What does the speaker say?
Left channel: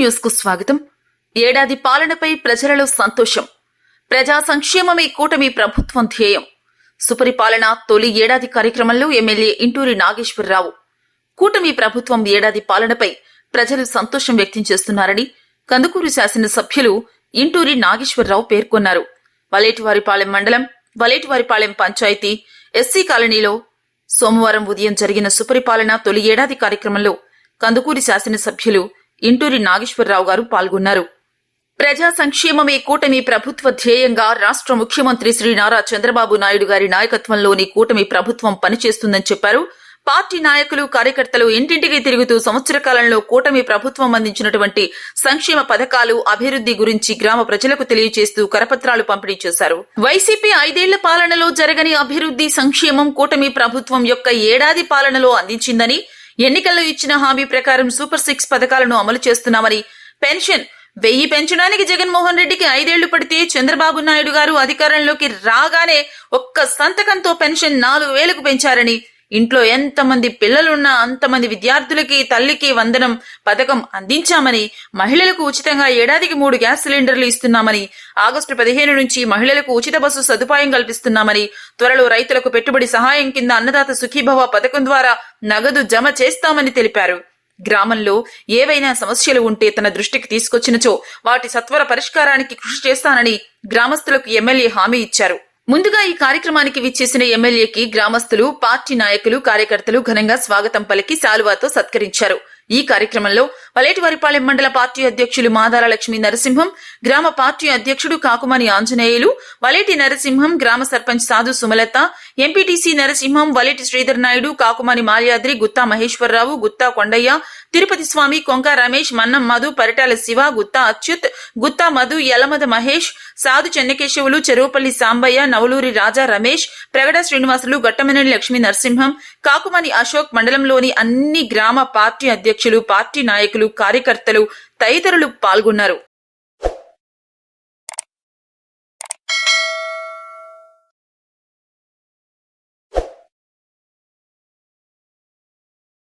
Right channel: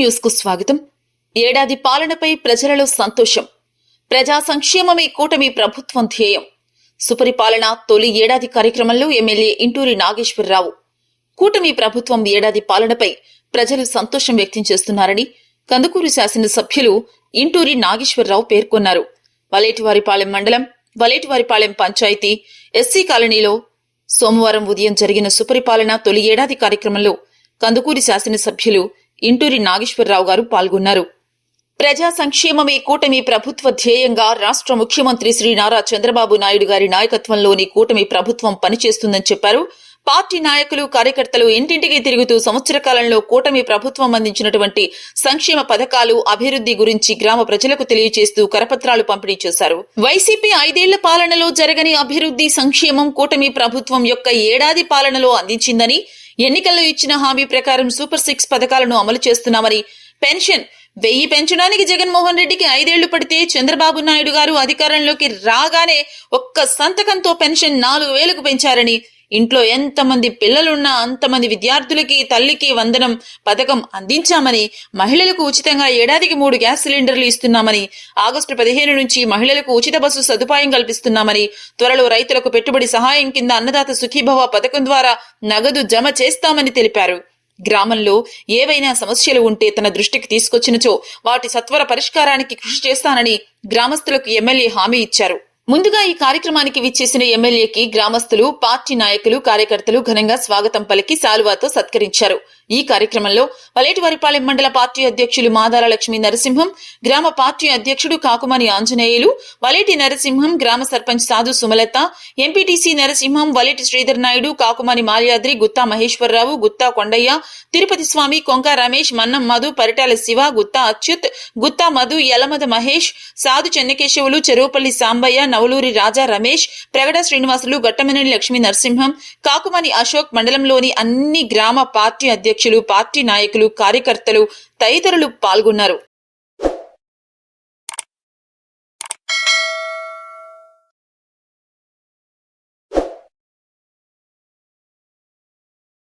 న్యూస్కు స్వాగతం. ఏడాది పాలనపై ప్రజలలో సంతోషం. ప్రజా సంక్షేమమే కూటమి ప్రభుత్వం ధ్యేయం. సుపరిపాలన తొలి ఏడాది కార్యక్రమంలో ఎమ్మెల్యే ఇంటూరి నాగేశ్వరరావు. కూటమి ప్రభుత్వం ఏడాది పాలనపై ప్రజలు సంతోషం వ్యక్తం చేస్తున్నారని కందుకూరు శాసనసభ్యులు ఇంటూరి నాగేశ్వరరావు పేర్కొన్నారు. వలేటివారిపాలెం మండలం వలేటివారిపాలెం పంచాయతీ ఎస్సీ కాలనీలో సోమవారం ఉదయం జరిగిన సుపరిపాలన తొలి ఏడాది కార్యక్రమంలో కందుకూరి శాసనసభ్యులు ఇంటూరి నాగేశ్వరరావు గారు పాల్గొన్నారు. ప్రజా సంక్షేమమే కూటమి ప్రభుత్వ ధ్యేయంగా రాష్ట్ర ముఖ్యమంత్రి శ్రీ నారా చంద్రబాబు నాయుడు గారి నాయకత్వంలోని కూటమి ప్రభుత్వం పనిచేస్తుందని చెప్పారు. పార్టీ నాయకులు కార్యకర్తలు ఇంటింటికి తిరుగుతూ సంవత్సర కాలంలో కూటమి ప్రభుత్వం అందించినటువంటి సంక్షేమ పథకాలు అభివృద్ధి గురించి గ్రామ ప్రజలకు తెలియజేస్తూ కరపత్రాలు పంపిణీ చేశారు. వైసీపీ ఐదేళ్ళ పాలనలో జరగని అభివృద్ధి సంక్షేమం కూటమి ప్రభుత్వం యొక్క ఏడాది పాలనలో అందించిందని ఎన్నికల్లో ఇచ్చిన హామీ ప్రకారం సూపర్ సిక్స్ పథకాలను అమలు చేస్తున్నామని పెన్షన్ వెయ్యి పెంచడానికి జగన్మోహన్ రెడ్డికి ఐదేళ్ళు పడితే చంద్రబాబు నాయుడు గారు అధికారంలోకి రాగానే ఒక్క సంతకంతో పెన్షన్ నాలుగు వేలకు పెంచారని ఇంట్లో ఎంతమంది పిల్లలున్నా అంతమంది విద్యార్థులకి తల్లికి వందనం పథకం అందించామని మహిళలకు ఉచితంగా ఏడాదికి మూడు గ్యాస్ సిలిండర్లు ఇస్తున్నామని ఆగస్టు పదిహేను నుంచి మహిళలకు ఉచిత బస్సు సదుపాయం కల్పిస్తున్నామని త్వరలో రైతులకు పెట్టుబడి సహాయం కింద అన్నదాత సుఖీభవ పథకం ద్వారా నగదు జమ చేస్తామని తెలిపారు. గ్రామంలో ఏవైనా సమస్యలు ఉంటే తన దృష్టికి తీసుకొచ్చినచో వాటి సత్వర పరిష్కారానికి కృషి చేస్తానని గ్రామస్తులకు ఎమ్మెల్యే హామీ ఇచ్చారు. ముందుగా ఈ కార్యక్రమానికి విచ్చేసిన ఎమ్మెల్యేకి గ్రామస్తులు పార్టీ నాయకులు కార్యకర్తలు ఘనంగా స్వాగతం పలికి శాలువాతో సత్కరించారు. ఈ కార్యక్రమంలో వలేటివారిపాలెం మండల పార్టీ అధ్యక్షులు మాదార లక్ష్మీ నరసింహం గ్రామ పార్టీ అధ్యక్షుడు కాకుమాని ఆంజనేయులు వలేటి నరసింహం గ్రామ సర్పంచ్ సాధు సుమలత ఎంపీటీసీ నరసింహం వలేటి శ్రీధర్ నాయుడు కాకుమాని మాల్యాద్రి గుత్తా మహేశ్వరరావు గుత్తా కొండయ్య తిరుపతి స్వామి కొంక రమేష్ మన్నం మధు పరిటాల శివ గుత్తా అచ్యుత్ గుత్తా మధు యలమద మహేష్ సాధు చెన్నకేశవులు చెరువుపల్లి సాంబయ్య నవలూరి రాజా రమేష్ ప్రగడ శ్రీనివాసులు గట్టమనేని లక్ష్మీ నరసింహం కాకుమని అశోక్ మండలంలోని అన్ని గ్రామ పార్టీ అధ్యక్షులు పార్టీ నాయకులు కార్యకర్తలు తదితరులు పాల్గొన్నారు.